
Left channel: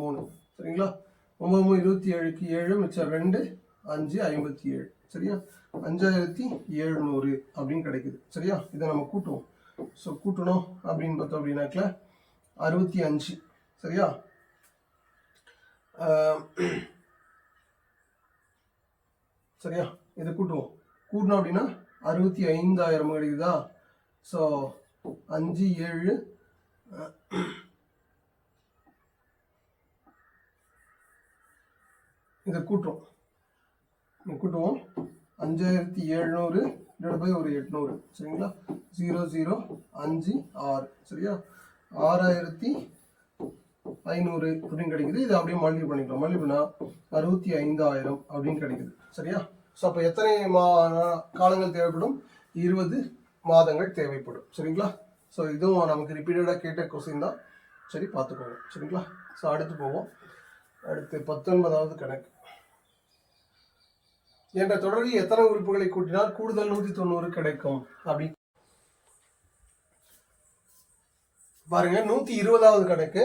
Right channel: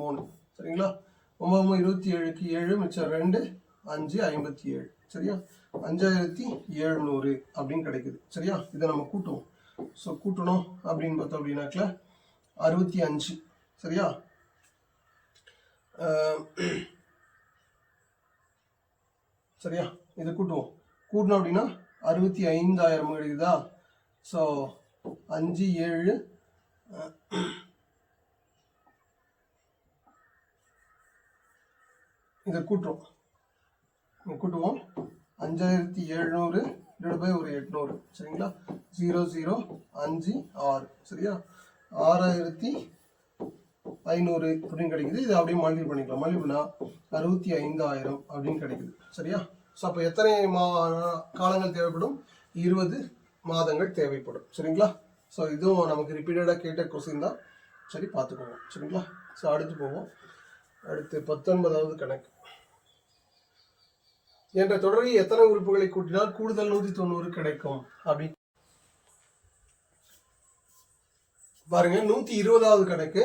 3 சரிங்களா, 9 27க்கு 7 மிச்சம் 2 5 57 சரியா, 5700 அப்படின்னு கிடைக்குது. சரியா? இதை நம்ம கூட்டுவோம். ஸோ கூட்டணும் அப்படின்னு பார்த்தோம் அப்படின்னாக்கல 65 சரியா, சரியா, இதை கூட்டுவோம். கூட்டணும் அப்படின்னா 65,000 கிடைக்குதா. ஸோ 5 7 இதை கூட்டுவோம். 5700 ஒரு 800 சரிங்களா, 0 0 5 6 சரியா, 6500 அப்படின்னு கிடைக்குது. இது அப்படியே மல்டிபிள் பண்ணிக்கலாம். மல்டிபிள் பண்ணா 65,000 அப்படின்னு கிடைக்குது. சரியா? ஸோ அப்போ எத்தனை காலங்கள் தேவைப்படும்? 20 மாதங்கள் தேவைப்படும். சரிங்களா? ஸோ இதுவும் நமக்கு ரிப்பீட்டடாக கேட்ட கொஸ்டின் தான். சரி, பார்த்துக்கோங்க. சரிங்களா? ஸோ அடுத்து போவோம். அடுத்து 19வது கணக்கு. என்ற தொடரில் எத்தனை உறுப்புகளை கூட்டினால் கூடுதல் 190 கிடைக்கும் அப்படி பாருங்க. 120வது கணக்கு.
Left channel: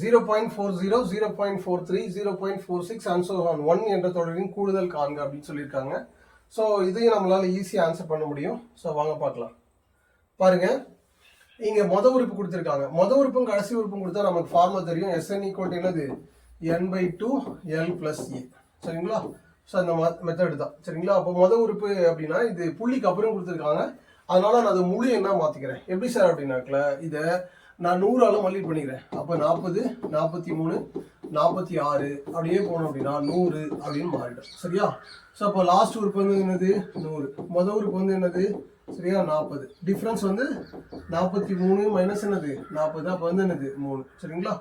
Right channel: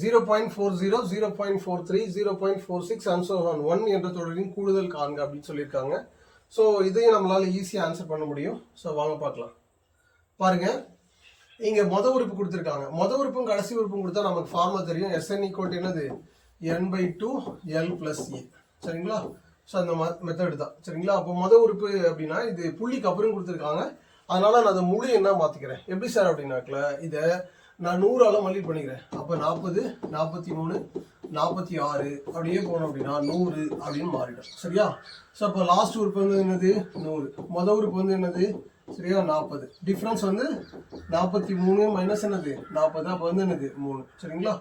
0.40 0.43 0.46 and so on 1 என்ற தொடரின் கூடுதல் காண்க அப்படின்னு சொல்லியிருக்காங்க. ஸோ இதையும் நம்மளால ஈஸியாக ஆன்சர் பண்ண முடியும். ஸோ வாங்க பார்க்கலாம். பாருங்க, இங்க மொதல் உறுப்பு கொடுத்துருக்காங்க. மொதல் உறுப்பும் கடைசி உறுப்பும் கொடுத்தா நமக்கு ஃபார்முலா தெரியும். SN ஈக்குவல் என்னது, n/2 l + a சரிங்களா. ஸோ அந்த மெத்தட் தான். சரிங்களா? அப்போ மொதல் உறுப்பு அப்படின்னா இது புள்ளிக்கு அப்புறம் கொடுத்துருக்காங்க. அதனால நான் அதை முழு என்ன மாற்றிக்கிறேன். எப்படி சார் அப்படின்னாக்கல, இதை நான் 100ஆல் மல்டிபிள் பண்ணிக்கிறேன். அப்போ 40 43 46 அப்படியே போனோம் அப்படின்னா 100 அப்படின்னு மாறிடும். சரியா? ஸோ அப்போ லாஸ்ட் உறுப்பு வந்து என்னது 100, மொதல் உறுப்பு வந்து என்னது சரியா 40. டிஃப்ரென்ஸ் வந்து 43 மைனஸ் என்னது 40, அப்போ வந்து என்னது 3. சரிங்களா?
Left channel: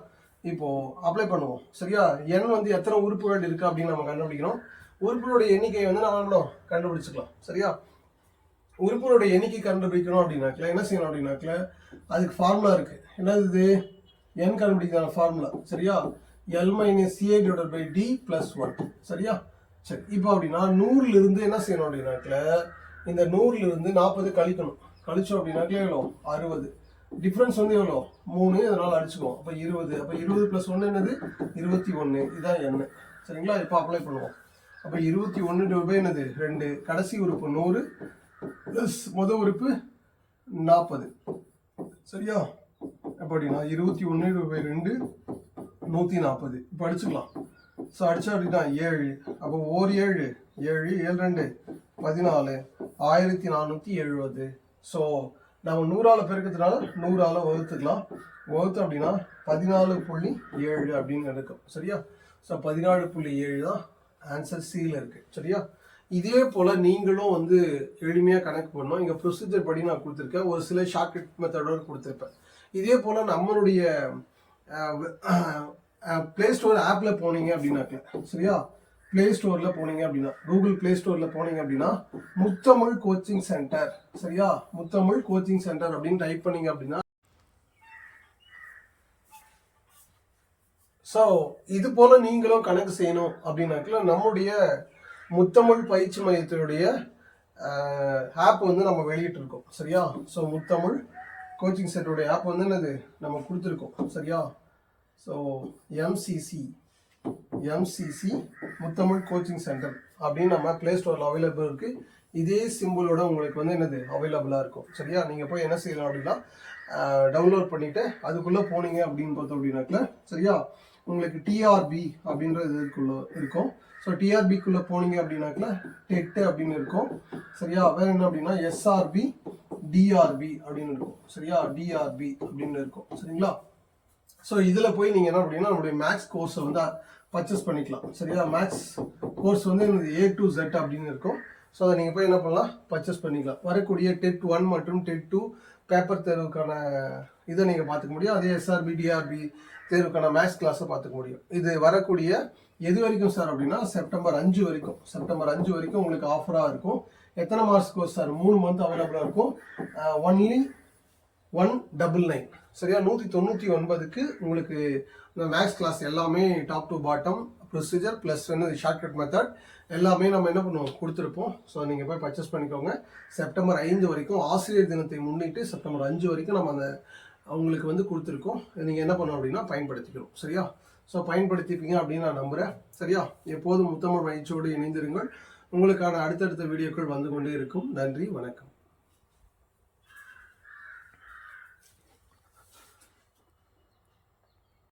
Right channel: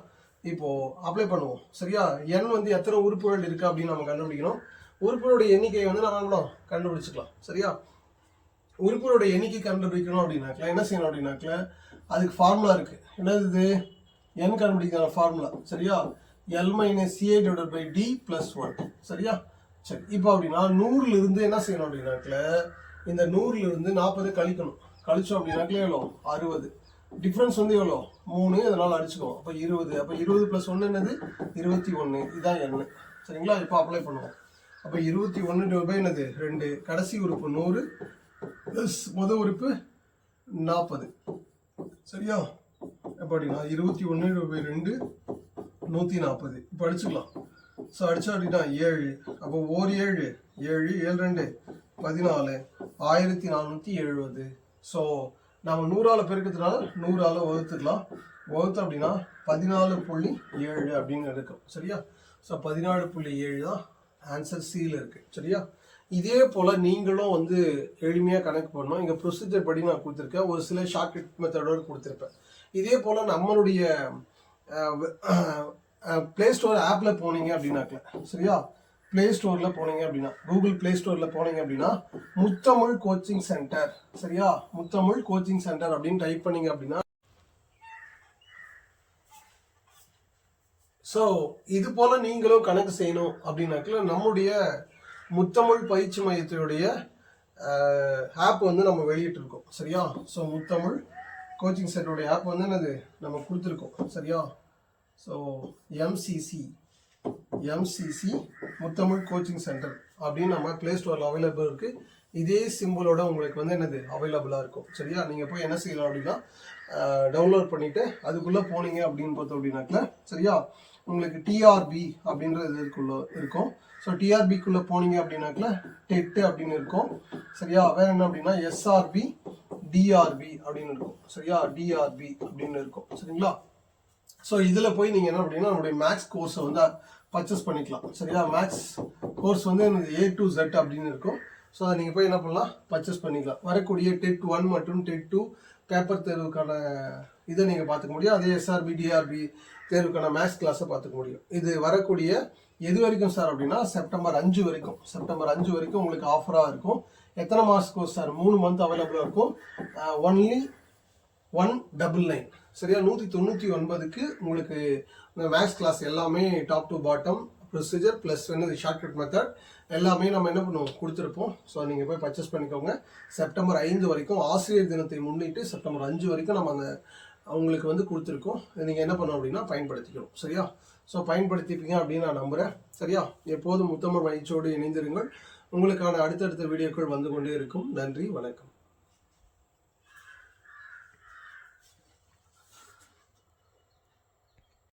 இப்போ அப்ளை பண்ணுவோம். சரியா? n வந்து எத்தனை உறுப்புகள் இருக்கு அப்படின்னு நம்ம கண்டுபிடிக்கணும். உறுப்புகளுடைய எண்ணிக்கையை வந்து நம்ம கண்டுபிடிச்சிக்கலாம். சரியா? உறுப்புகளுடைய எண்ணிக்கை கண்டுபிடிக்கணும் அப்படின்னாக்கல என்ன செய்யணும் அப்படின்னாக்கல, அதுக்கு ஃபார்முலா இருக்கு. என்னது இது, n கண்டுபிடிக்கிற ஃபார்முலா. சரியா? l - ca/d + 1 சரியா. சரி, இப்போ அப்படின்னா 100ல இருந்து என்ன செய்யணும் அப்படின்னாக்கல, இந்த 100ல இருந்து 40 கழிக்கணும். கழிச்சோம் அப்படின்னாக்கல எவ்வளோ 60. டிஃப்ரென்ஸ் வந்து எவ்வளோ 3, அதனால அடிச்சுக்குவோம். அப்போ 20. அப்போ 20 + 1 என்னது 21. இதுதான் n. சரிங்களா? இப்போ அப்ளை பண்ணுவோம். அப்போ 21 என்னது 2, கடைசி உறுப்பு 100 ப்ளஸ் முதல் உறுப்பு 40 சரியா. அப்படின்னா 21/2 140. இப்போ அடிச்சுக்கலாம். ஸோ அடிச்சா அப்படின்னா 7. அப்போ 7 7 7 2 14 1470. ஸோ நம்ம 100ஆல் பெருக்கிறதுனால 100ஆல் வகுத்துக்கலாம். வகுத்து அப்படின்னா 14.7 அப்படின்னு இருக்கும். சரியா? ஸோ 14.7 தான் ஆன்சர் சியில் இருக்கு. சரியா? இதே போல் நீங்களும் வந்து எளிமையாக கணக்கு பண்ணணும். இங்கே ப்ரொசீஜர் படி நான் கொடுத்துருக்கேன். ஒரு சில ஷார்ட்கட் மெத்தடோடு கொடுத்துருப்பேன். இதே போல் நம்மளுடைய ப்ளே ஸ்டோர் ஆப்பில் போனீங்க அப்படின்னாக்க, சரியா, ப்ளே ஸ்டோரில் போனீங்க அப்படின்னா, கூகுள் ப்ளே ஸ்டோரில் போனீங்க அப்படின்னா முத்தமிழ் கோச்சிங் சென்டர், சரியா, முத்தமிழ் கோச்சிங் சென்டர் அப்படின்னு டைப் பண்ணீங்க அப்படின்னா, ஸோ இது போல் நீங்களும் கணக்கு செய்யணும் அப்படின்னாக்கல நம்மளுடைய முத்தமிழ் பயிற்சி மையத்தினுடைய ஆப் வந்து நம்ம வெளியிட்டிருக்கோம். சரியா? ஸோ முத்தமிழ் கோச்சிங் சென்டருடைய ஆப் வந்து என்னது நம்ம கொடுத்துருக்கோம். சரியா? ஸோ எம்சிசி முத்தமிழ் கோச்சிங் சென்டர் அப்படின்னு நம்ம ப்ளே ஸ்டோரில் அவைலபிள் இருக்குது. இதே சிம்பிளோட உங்களுக்கு வந்து என்னது அவைலபிளாக இருக்கும். சரியா? நீங்கள் போய் என்ன செய்யலாம் அப்படின்னா டவுன்லோட் பண்ணிவிட்டு அதுக்குள்ளே போனீங்க அப்படின்னு பார்த்தோம் அப்படின்னாக்கல சரியா உங்களுக்கு டிஆர்பி அப்படின்றது இருக்கும். ஸோ டிஆர்பிக்குள்ளே போனீங்க அப்படின்னாக்கல டெட்டு அப்படின்னு இருக்கும் சரியா. வேறு என்ன அப்படின்னா எஸ்ஆர்பி டிஆர்பி அப்படின்னு இருக்கும் சரியா. டிஆர்பி அப்படின்னு இருக்கும் சரிங்களா. ஸோ இதில் போய் நீங்கள் என்ன அப்படின்னா நம்மளுடைய மேக்ஸ் கோர்ஸை வந்து பர்ச்சேஸ் பண்ணிக்கலாம் சரியா. மேக்ஸ் கோர்ஸ் வந்து எனக்கு A to Z அப்படின்னு இருக்கும். ஸோ அதை நீங்கள் போய் என்ன பண்ணலாம், பர்ச்சேஸ் பண்ணிக்கலாம். வரக்கூடிய டெட் 1 மற்றும் டெட் 2 பேப்பர் தேர்வுக்கான இதை நீங்கள் பார்த்துக்க முடியும். அதே எஸ்ஆர்பி டிஆர்பி தேர்வுக்கான மேக்ஸ் கிளாஸை பார்த்துக்க முடியும். இது வரக்கூடிய எது வரைக்கும் சார் அப்படின்னா செப்டம்பர் 5 வரைக்கும். செப்டம்பர் 5 வரைக்கும் உங்களுக்கு ஆஃபராக இருக்கும். எத்தனை மார்க்ஸ் கோர்ஸ் சார்? 3 மந்த் அவைலபிளாக இருக்கும். ஒன்லி 199 சரியா. 199க்கு உங்களுக்கு இந்த மேக்ஸ் கிளாஸ் எல்லாமே top to bottom procedure plus வந்து ஷார்ட்கட் மெத்தட் எல்லாமே நம்ம என்ன பண்ணுவோம் கொடுத்துருப்போம். ஸோ நீங்கள் போய் பர்ச்சேஸ் பண்ணிக்கோங்க. செப்டம்பர் 5 வரைக்கும் ஆசிரியர் தினத்தை முன்னிட்டு செப்டம்பர் 5 வரைக்கும் நம்ம அந்த அவங்களுக்கு வந்து கொடுத்துருக்கோம். நீங்கள் என்ன பண்ணணும் அப்படின்னா பயன்படுத்திக்கணும் சரியா. ஸோ பயன்படுத்திப்பீங்க அப்படின்னு நான் நம்புகிறேன் சரியா. எப்போதும் முத்தமிழ் பயிற்சியோடு இணைந்திருங்கள். உங்களுக்கான அடுத்தடுத்த வீடியோக்கள் வந்து கொண்டே இருக்கும். நன்றி, வணக்கம்.